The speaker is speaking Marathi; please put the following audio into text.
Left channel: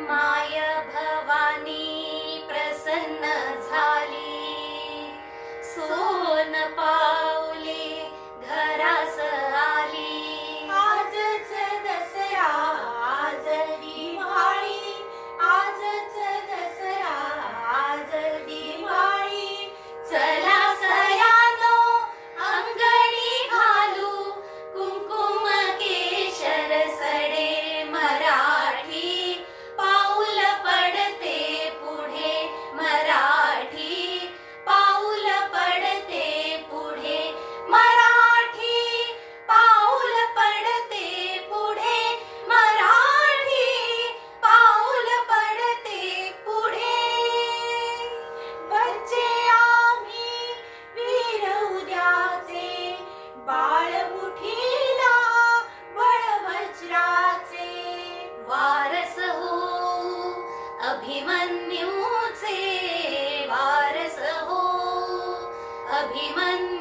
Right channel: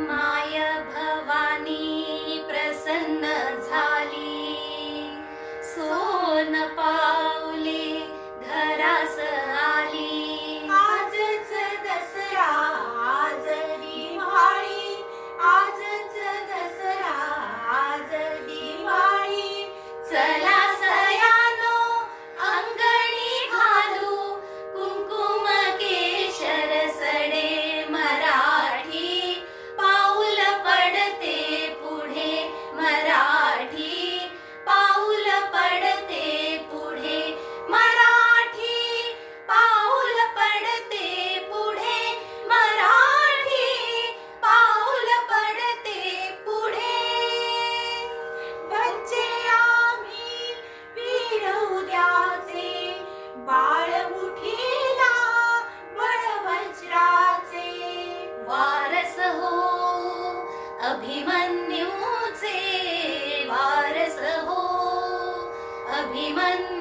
माय भवानी प्रसन्न झाली, सोन पाऊले घरास आली। आजच दसरा आज दिवाळी, आजच दसरा आज दिवाळी। चला सयानो अंगणी घालू, कुंकुम केशर सडे मराठी, पाऊल पडते पुढे मराठी, पाऊल पडते पुढे मराठी, पाऊल पडते पुढे मराठी, पाऊल पडते पुढे। वरचे आम्ही वीर उद्याचे, बाळ मुठीला बळ वज्राचे। वारस हो अभिमन्यूचे, वारस हो अभिमन्यू